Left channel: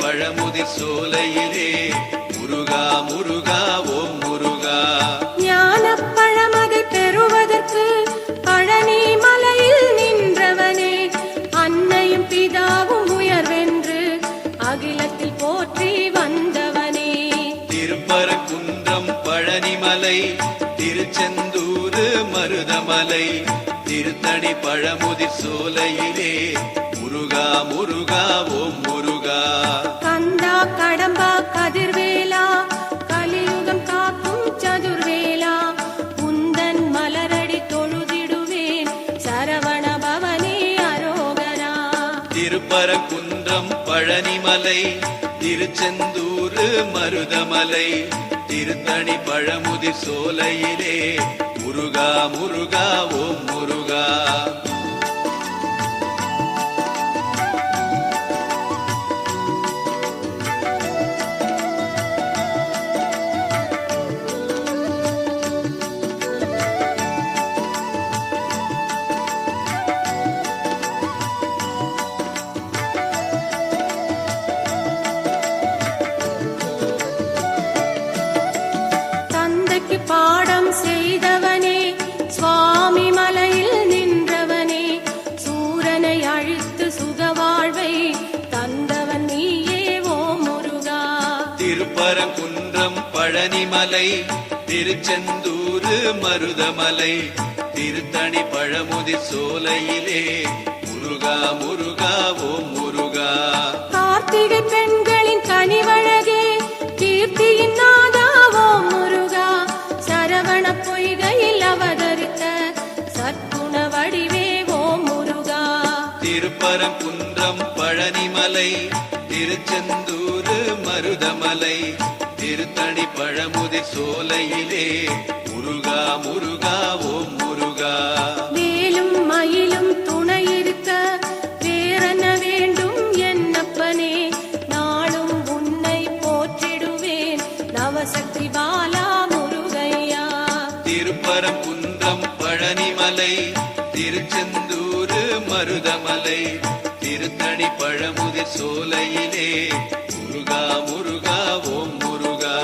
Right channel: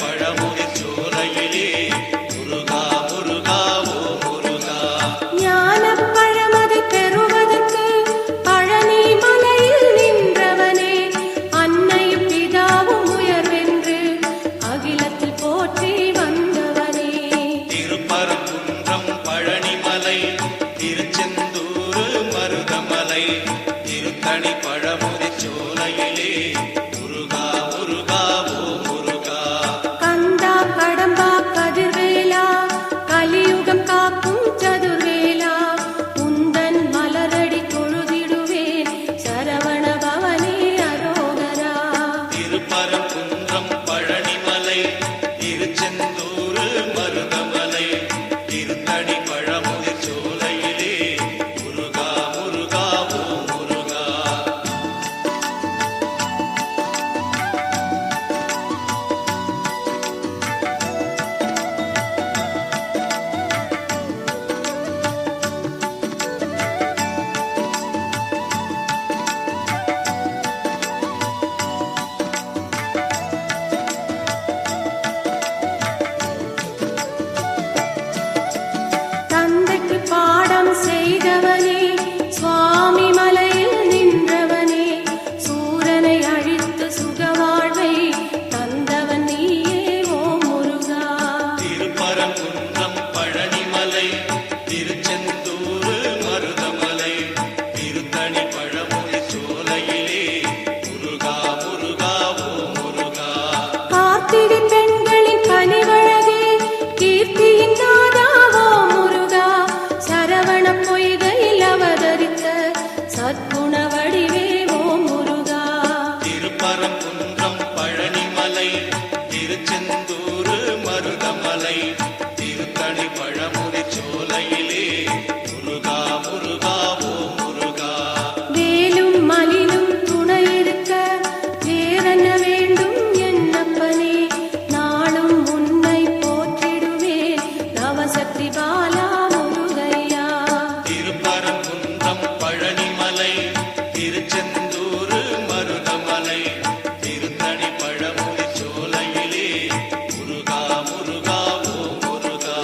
பழமுதி சோலையிலே முருகா முருகா ஓ முருகா. ஞானப் பழமது பெறுவதற்கு பழனி மலையில் நின்றவனே, அன்னையும் பிதாவும் உயர்வென்று அகிலத்தில் போற்றி வந்தவனே. திருப்பரங்குன்றம் பழனிமலை திருச்செந்தூரு மருதமலை திருத்தணி பழமுதி சோலையிலே முருகா முருகா ஓ முருகா. கந்தா கடம்பா கதிர்வேலா கலியுகம் காக்கும் சதுர்வேலா, உந்தன் மலரடி தொழுதிடுவேன் சரவண பவனே அரோகரா. திருப்பரங்குன்றம் பழனிமலை திருச்செந்தூரு மருதமலை திருத்தணி பழமுதி சோலையிலே முருகா முருகா ஓ முருகா. தந்தைக்கு பாடம் செய்தவனே, சுவாமி மலையில் நின்றவனே, சூரனை அழித்து சுகவாழ்வை தந்தவன் நீயே ஓ முருகா. திருப்பரங்குன்றம் பழனிமலை திருச்செந்தூரு மருதமலை திருத்தணி பழமுதி சோலையிலே முருகா முருகா ஓ முருகா. கார்த்திகை பெண்களின் கனிவழகே, கீர்த்தியின் நாதா ஓ முருகா. சரவண பொய்கையில் அவதரித்த சத்குண வடிவே ஓ முருகா. திருப்பரங்குன்றம் பழனிமலை திருச்செந்தூரு மருதமலை திருத்தணி பழமுதி சோலையிலே முருகா முருகா ஓ முருகா. வேலும் மயிலும் துணையிருக்க வேறென்ன வேண்டும் என்னப்பனே, நாளும் உன்னை போற்றிடுவேன் நவசக்தி பாலா முருகையா. திருப்பரங்குன்றம் பழனிமலை திருச்செந்தூரு மருதமலை திருத்தணி பழமுதி சோலையிலே முருகா முருகா ஓ முருகா.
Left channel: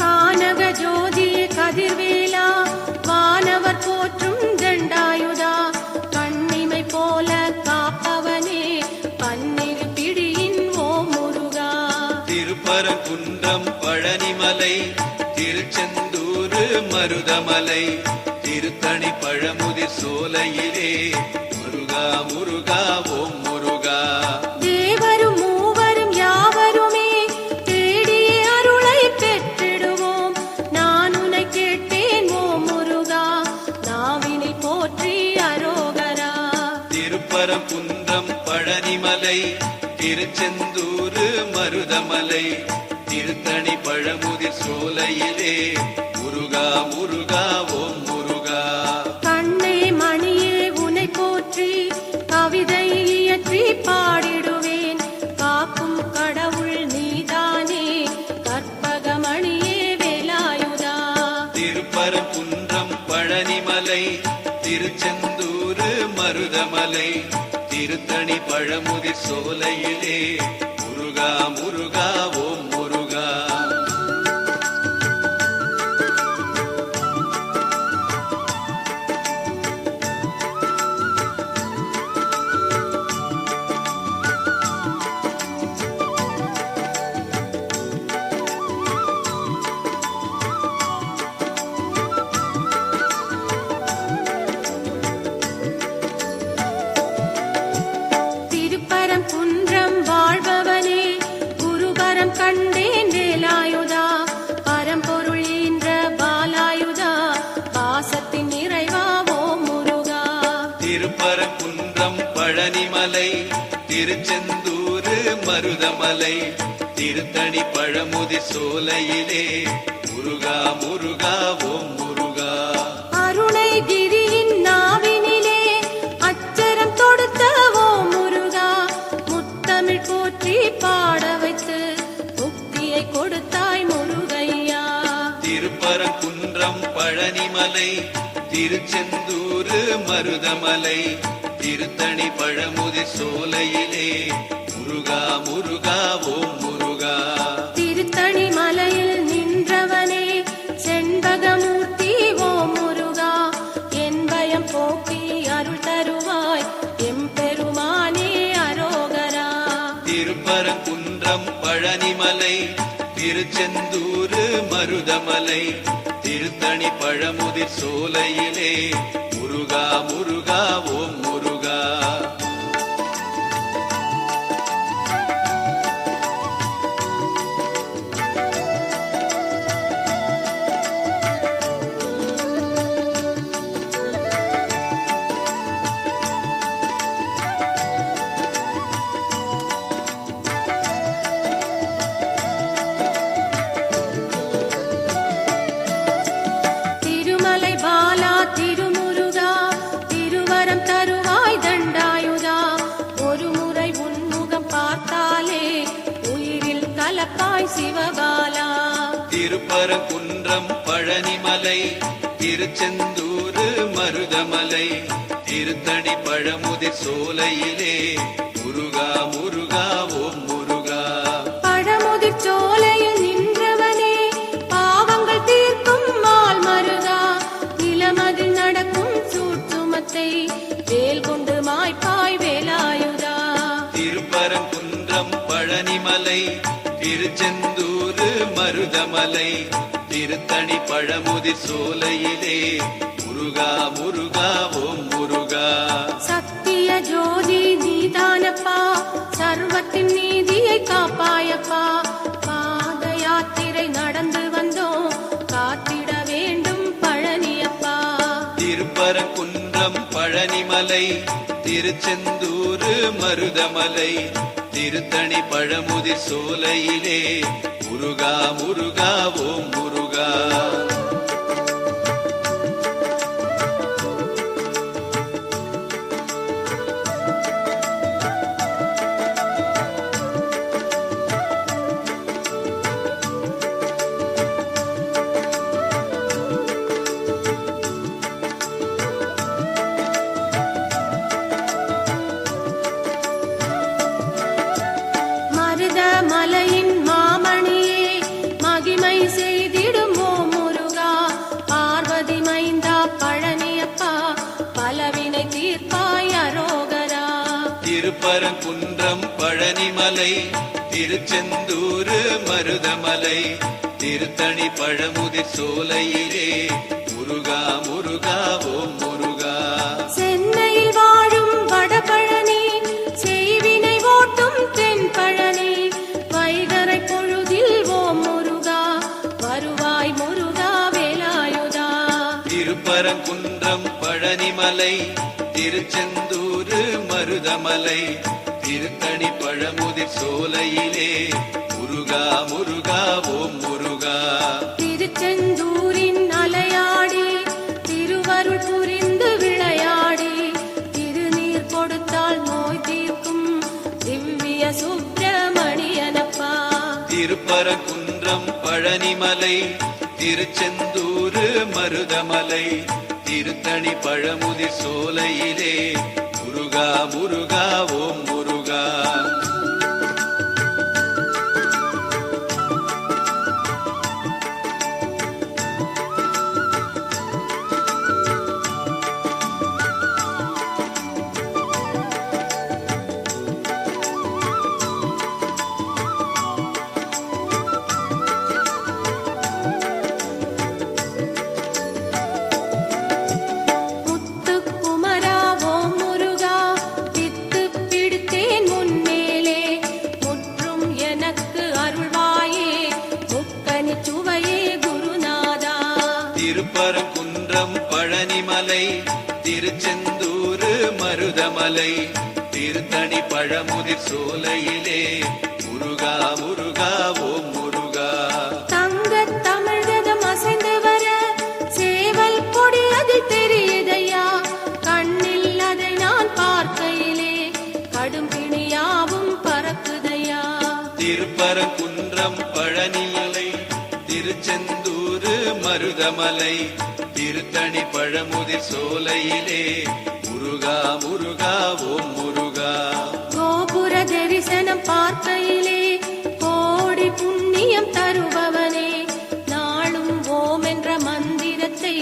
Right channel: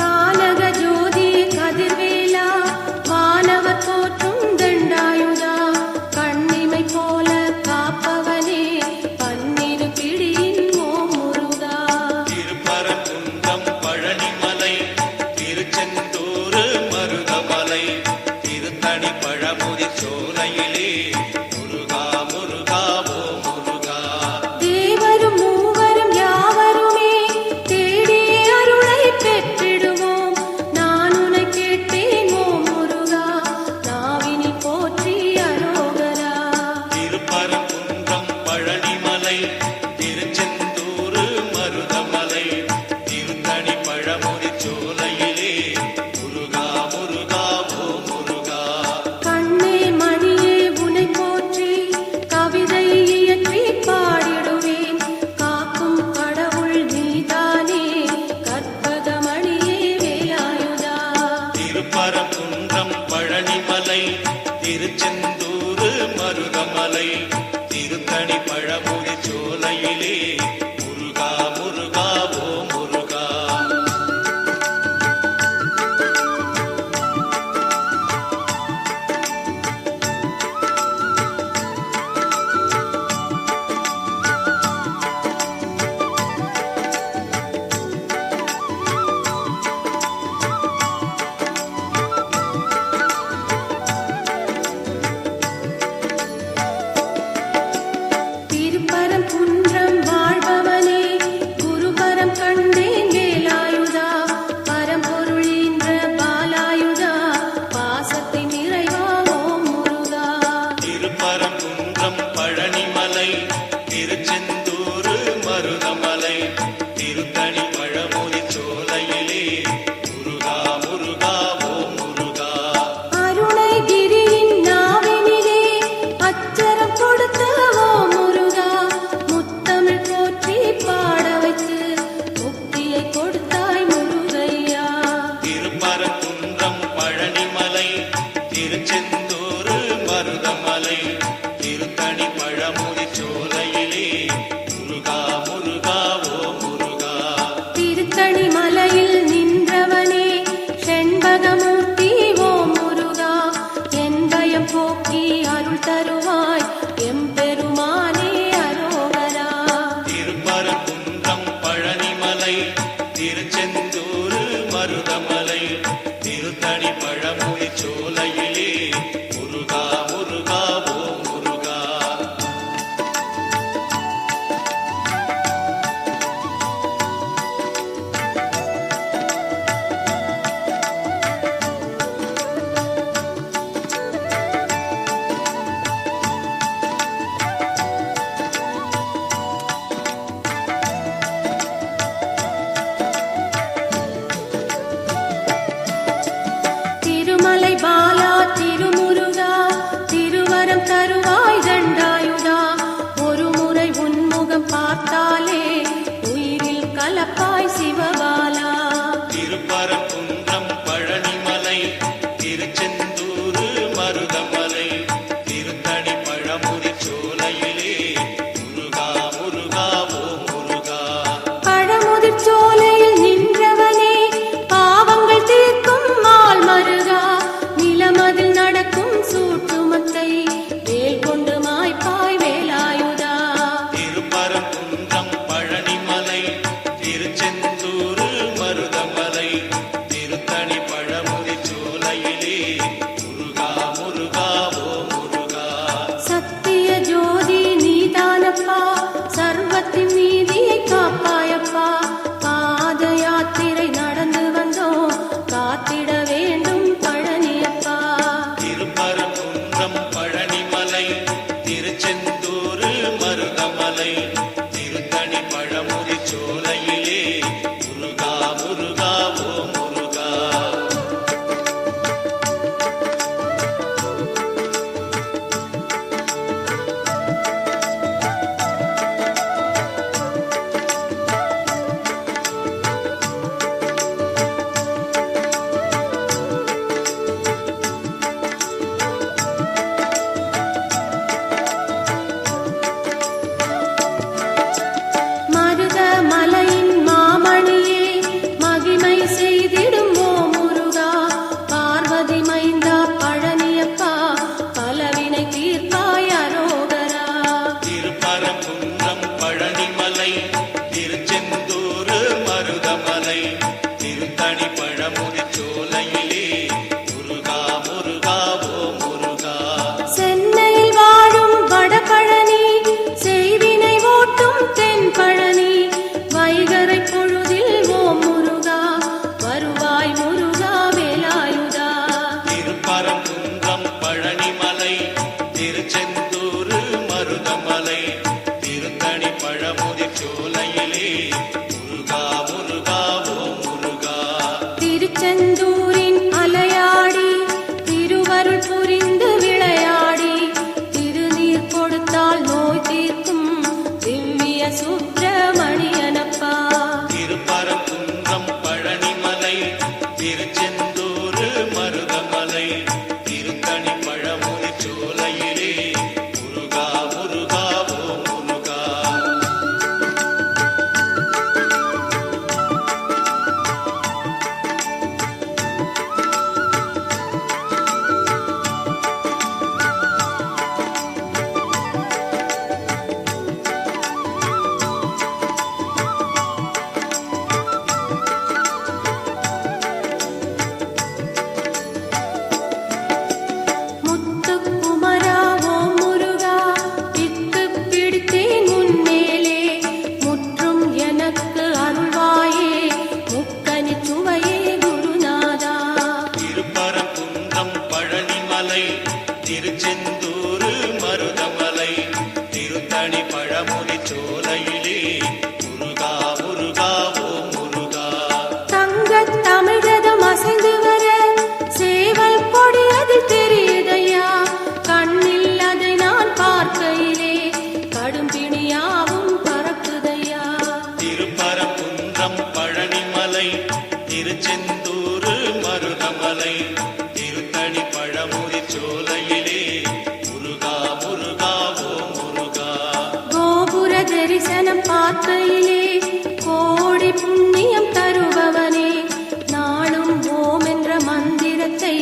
கானக ஜோதியே கதிர்வேலா, வானவர் போற்றும் தண்டாயுதா, கண்ணிமை போல காப்பவனே பன்னிரு பிழியின் ஓ முருகா. திருப்பரங்குன்றம் பழனிமலை திருச்செந்தூரு மருதமலை திருத்தணி பழமுதி சோலையிலே முருகா முருகா ஓ முருகா. தேவரும் மூவரும் யாவருமே தேடி அருளை பெற்றிடுவோம், நான் உன்னை கேட்டேன் ஓ முருகா, நாவினை போற்றி அரோகரா. திருப்பரங்குன்றம் பழனிமலை திருச்செந்தூரு மருதமலை திருத்தணி பழமுதி சோலையிலே முருகா முருகா ஓ முருகா. கண்ணே மணியே உனை போற்றி கவிதை இயற்றி பாடிடுவேன், காக்கும் கடவுள் நீதானே கற்பகமணியே வேலாயுதா. திருப்பரங்குன்றம் பழனிமலை திருச்செந்தூரு மருதமலை திருத்தணி பழமுதி சோலையிலே முருகா முருகா ஓ முருகா. திருப்பரங்குன்றம் வாழ்பவனே, குருபரம் கண்டேன் வேலாயுதா, பரம்பொருள் ஈன்ற பாலாயுதா, பாசத்தின் நிறைவா ஓ முருகா. திருப்பரங்குன்றம் பழனிமலை திருச்செந்தூரு மருதமலை திருத்தணி பழமுதி சோலையிலே முருகா முருகா ஓ முருகா. மருதமலை திருத்தணி பழமுதி சோலையிலே முருகா முருகா ஓ முருகா. மருதமலையின் மாமணியே மகிமை செய்திடும் ஓ முருகா. பார்வதி மைந்தா பழனியப்பா பலவினை தீர்ப்பாய் அரோகரா. திருப்பரங்குன்றம் பழனிமலை திருச்செந்தூர் மருதமலை திருத்தணி பழமுதி சோலையிலே முருகா முருகா ஓ முருகா. சென்னையில் வாழும் வடபழனி செய்வினை ஓட்டும் தென்பழனி வைகரை பொழுதில் ஓ முருகா வருவாய் முருகா வேலாயுதா. திருப்பரங்குன்றம் பழனிமலை திருச்செந்தூர் மருதமலை திருத்தணி பழமுதி சோலையிலே முருகா முருகா ஓ முருகா. திருச்செந்தூரின் அலையாடி திருவருள் புரிந்து விளையாடி திருநீர் கொடுத்தால் நோய் தீர்க்கும் திவ்ய சுப்பிரமணியனப்பா. திருப்பரங்குன்றம் பழனிமலை திருச்செந்தூர் மருதமலை திருத்தணி பழமுதி சோலையிலே முருகா முருகா ஓ முருகா. முத்துக்குமரா ஓ முருகா பித்து பிடித்தேன் முன்னேலே முற்றும் எனக்கு அருள்வாயே முக்கனி சுவையே குருநாதா. திருப்பரங்குன்றம் பழனிமலை திருச்செந்தூர் மருதமலை திருத்தணி பழமுதி சோலையிலே முருகா முருகா ஓ முருகா. தங்கத் தமிழகம் அசைந்து வர சேவல் கொடியது தெரியுதையா. கண்ணில் அதை நான் பார்க்கையிலே கடும்பிணியாவும் பறக்குதையா. திருப்பரங்குன்றம் பழனிமலை திருச்செந்தூர் மருதமலை திருத்தணி பழமுதி சோலையிலே முருகா முருகா ஓ முருகா. கோபுர தரிசனம் பார்க்கையிலே கோடி புண்ணியம் தருபவனே நாளும் ஓம் என்ற மந்திரத்தை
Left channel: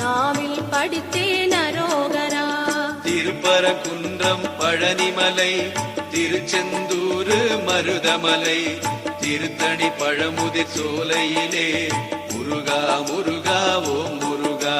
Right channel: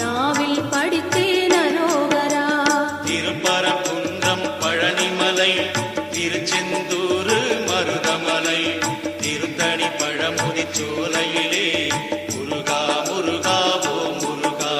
நாவில் படித்தேன் அரோகரா. திருப்பரங்குன்றம் பழனிமலை திருச்செந்தூர் மருதமலை திருத்தணி பழமுதி சோலையிலே முருகா முருகா ஓ முருகா.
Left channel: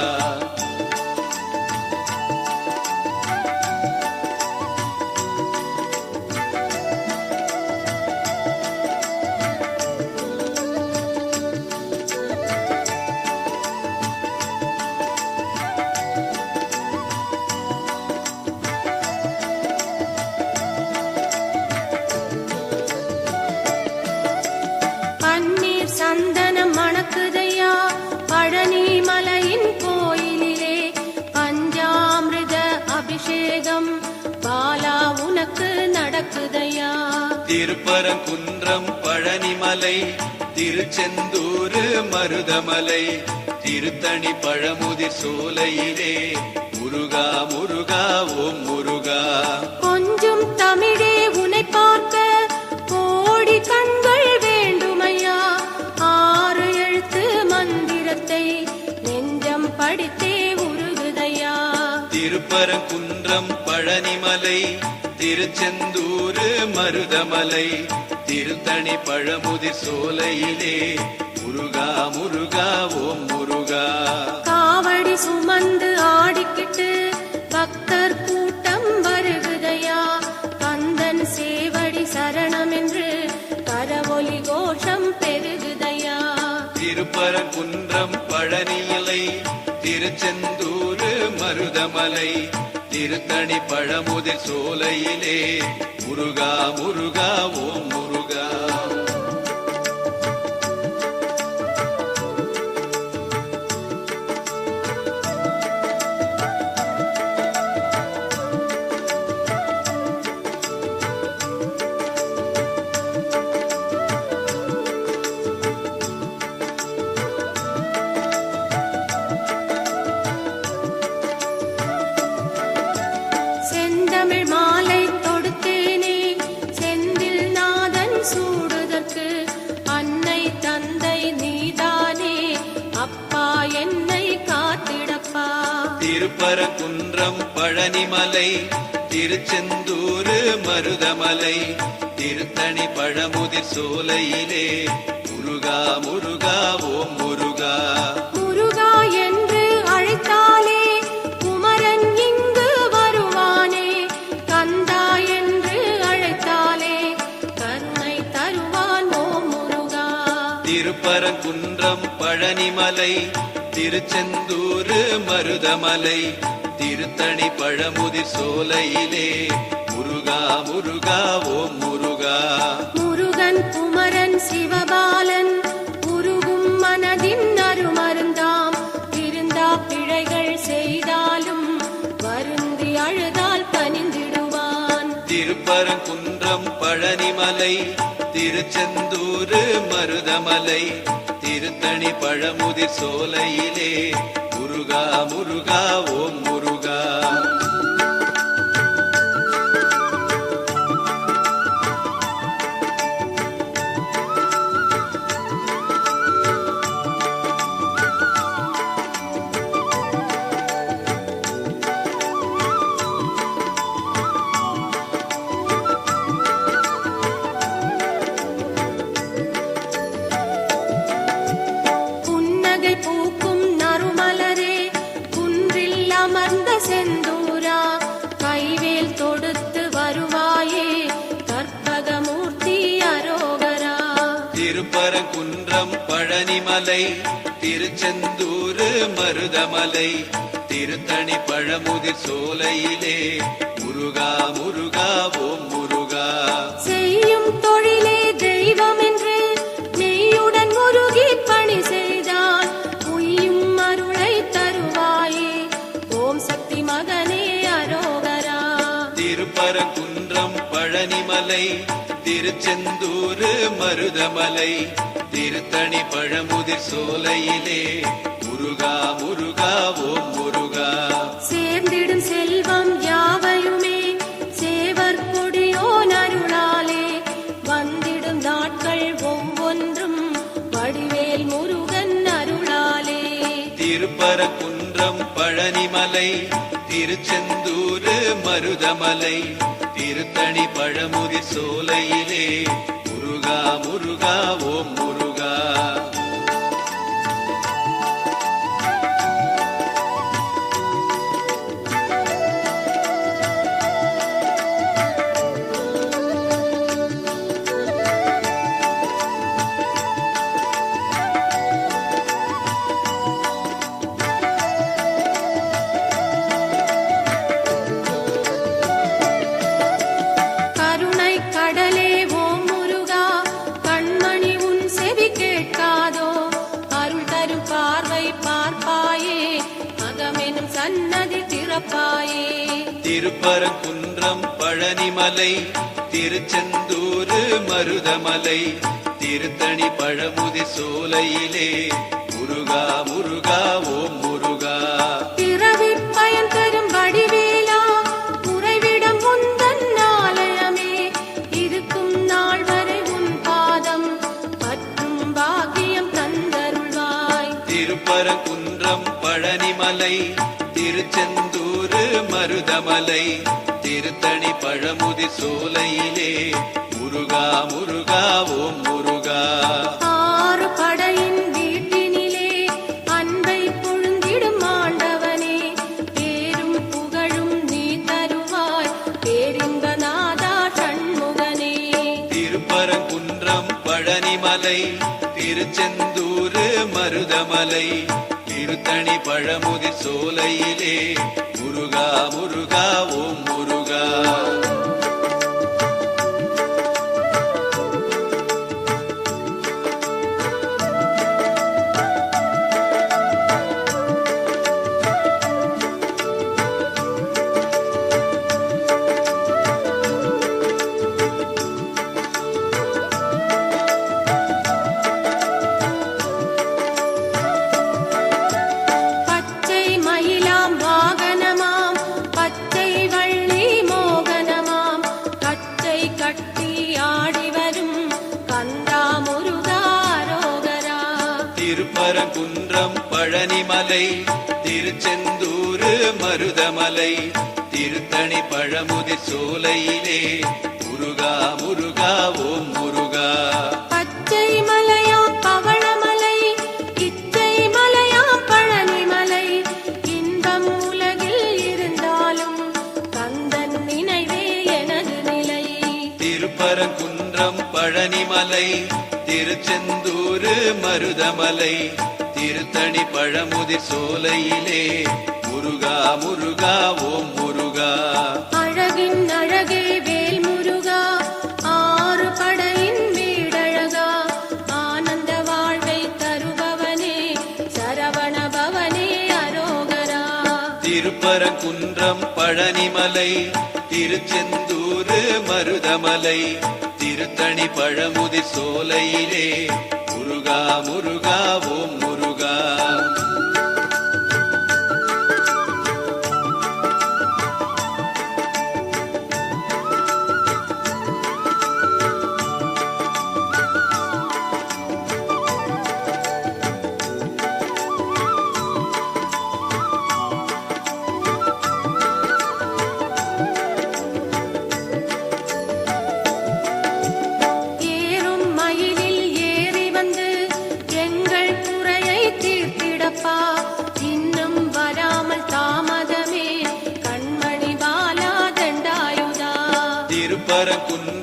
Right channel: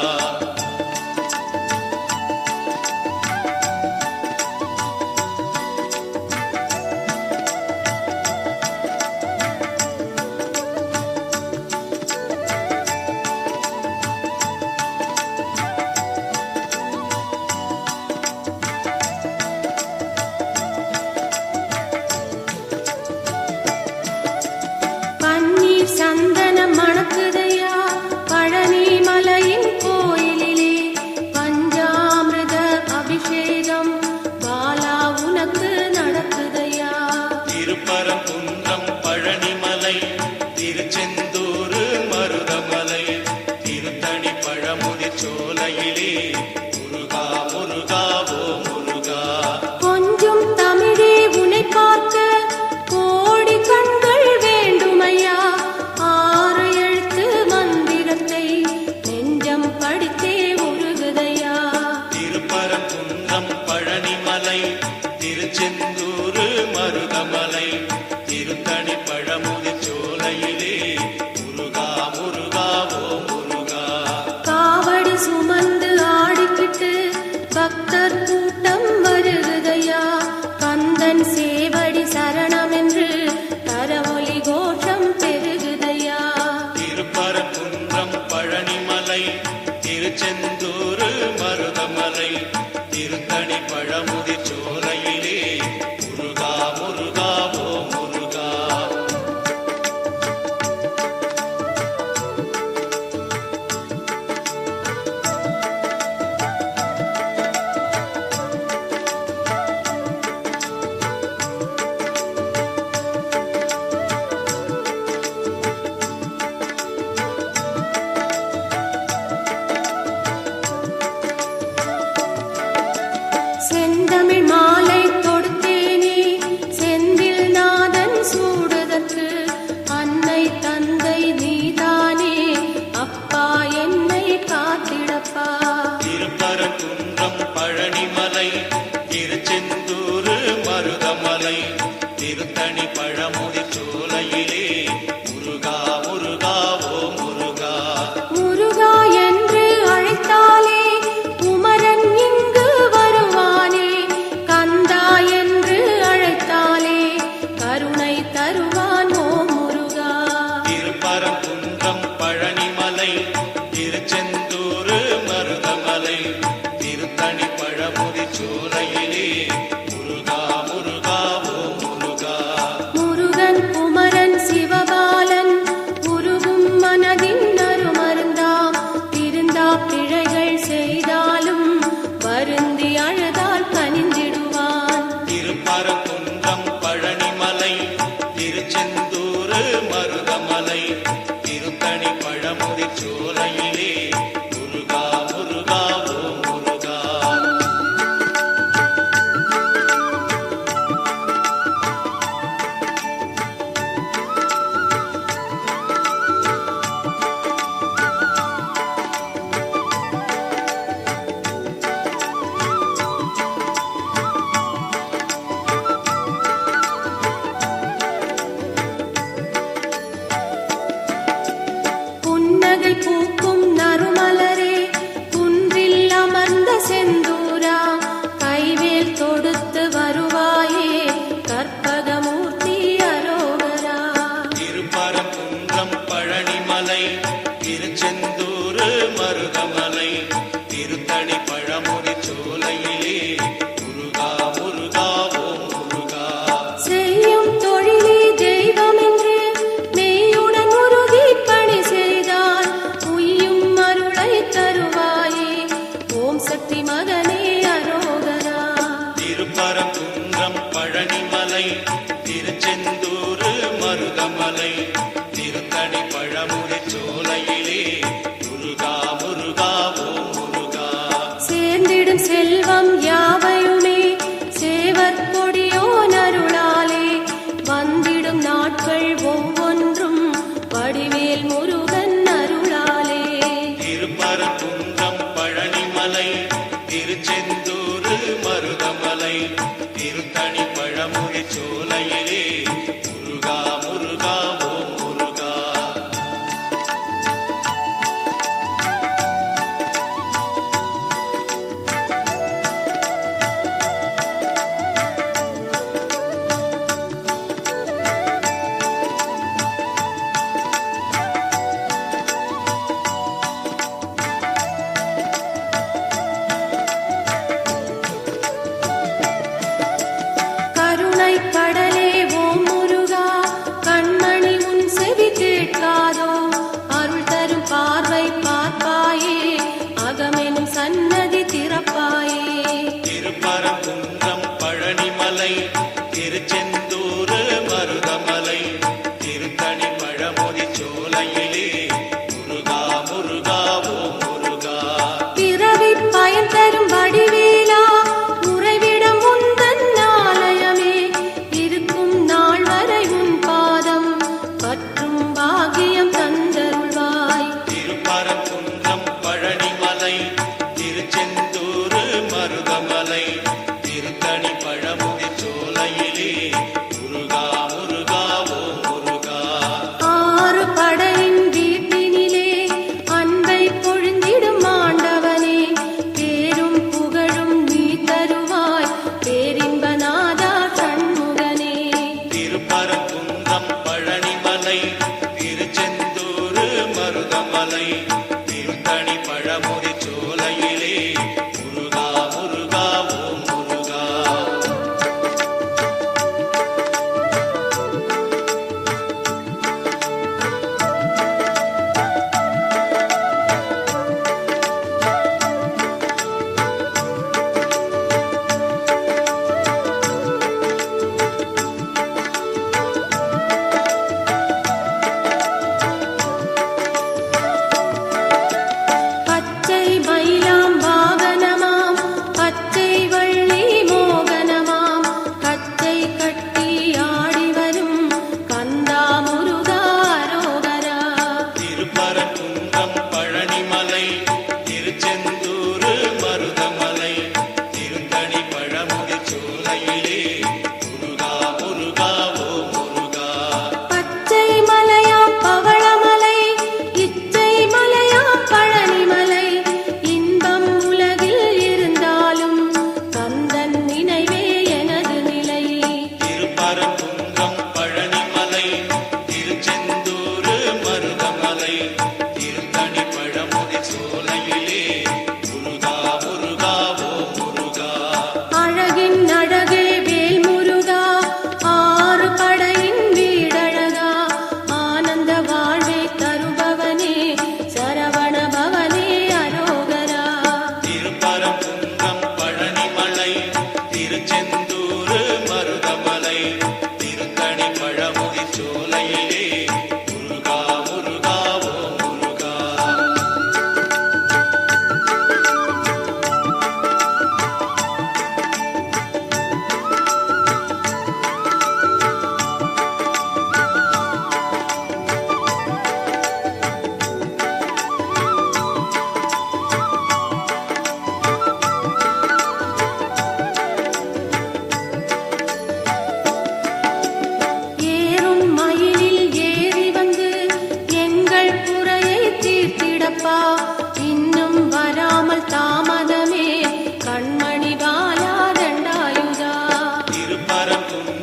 பன்னீர் சந்தனம் மணக்குதையா பழனி மலையின் கோயிலிலே பஞ்சாமிர்த அபிஷேகம் பாலா உனக்கு நடக்குதையா. திருப்பரங்குன்றம் பழனிமலை திருச்செந்தூர் மருதமலை திருத்தணி பழமுதி சோலையிலே முருகா முருகா ஓ முருகா. கொஞ்சம் தமிழே உனை பார்க்க கோடி கண்கள் வேண்டுமையா. 6 எழுத்து மந்திரத்தை நெஞ்சம் படித்தே உருகுதையா. திருப்பரங்குன்றம் பழனிமலை திருச்செந்தூர் மருதமலை திருத்தணி பழமுதி சோலையிலே முருகா முருகா ஓ முருகா. காவடி சுமந்து ஆடிக்கிட்டு பக்தர் கூட்டம் வருகுதையா. கந்தன் சேவடி சரணம் என்று கரவொலி கோஷம் பெருகுதையா. திருப்பரங்குன்றம் பழனிமலை திருச்செந்தூர் மருதமலை திருத்தணி பழமுதி சோலையிலே மருதமலை திருத்தணி பழமுதிர் சோலையிலே முருகா முருகா ஓ முருகா முருகா என்று அழைத்தாலே குமரன் இங்கு வருவானே. கந்தா என்று அழைத்தாலே கருணை தருவான் ஓ முருகா. திருப்பரங்குன்றம் பழனிமலை திருச்செந்தூர் மருதமலை திருத்தணி பழமுதிர் சோலையிலே முருகா முருகா ஓ முருகா முருகன் குமரன் சிவபாலன் குருகும் மனதின் அருமருந்தாம். திருந்தா பிழைகள் செய்தாலும் வருந்தி அழுதால் கனிந்திடுவான். திருப்பரங்குன்றம் பழனிமலை திருச்செந்தூர் மருதமலை திருத்தணி பழமுதிர் சோலையிலே முருகா முருகா ஓ முருகா புன்னகை பூக்கும் நறுமலரே குன்றில் அமர்ந்த செந்தூரா. கைவேல் தொடுத்து வருவாயே கற்பகமூர்த்தி அரோகரா. திருப்பரங்குன்றம் பழனிமலை திருச்செந்தூர் மருதமலை திருத்தணி பழமுதிர் சோலையிலே முருகா முருகா ஓ முருகா செய்யும் தொழிலே தெய்வம் என்று மெய்யுடன் உறுதி பணி செய்தால் உய்யும் அருளை தருவாயே. ஓம் சக்தி மகனே அரோகரா. திருப்பரங்குன்றம் பழனிமலை திருச்செந்தூர் மருதமலை திருத்தணி பழமுதிர் சோலையிலே முருகா முருகா ஓ முருகா சேர்ந்திடும் செல்வம் யாவையுமே சேவர் கொடியோன் அருளாலே வந்திடும் நாட்கள் ஒவ்வொன்றும் வடிவேல் முருகன் அருளாலே. திருப்பரங்குன்றம் பழனிமலை திருச்செந்தூர் மருதமலை திருத்தணி பழமுதிர் சோலையிலே முருகா முருகா ஓ முருகா கருணை கடல்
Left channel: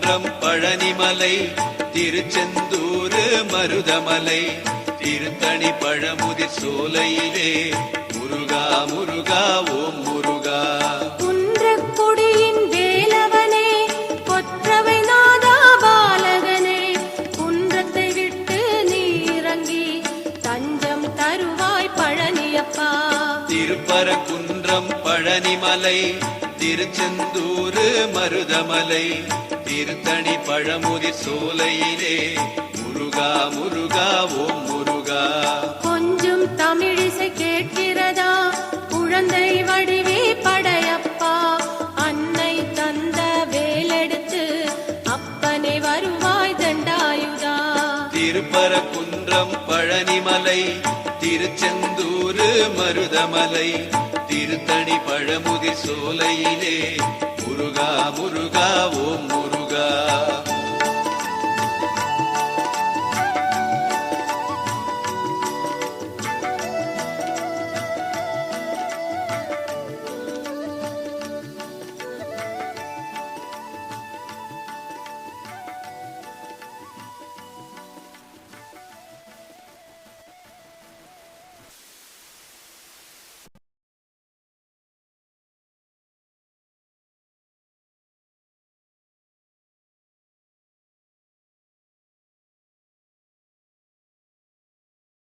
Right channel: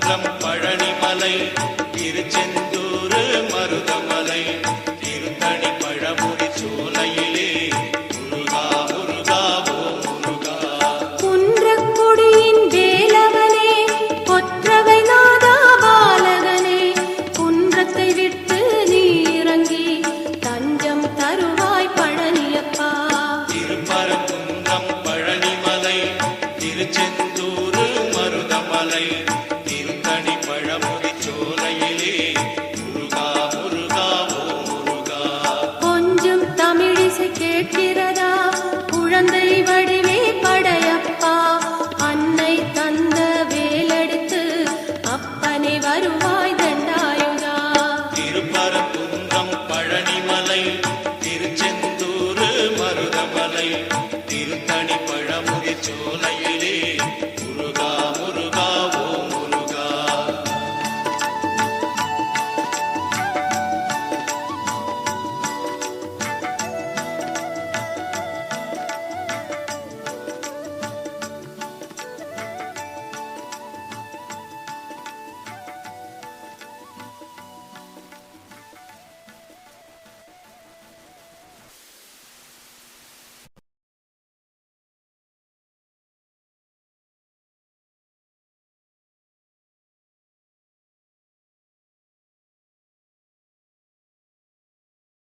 குன்றம் பழனி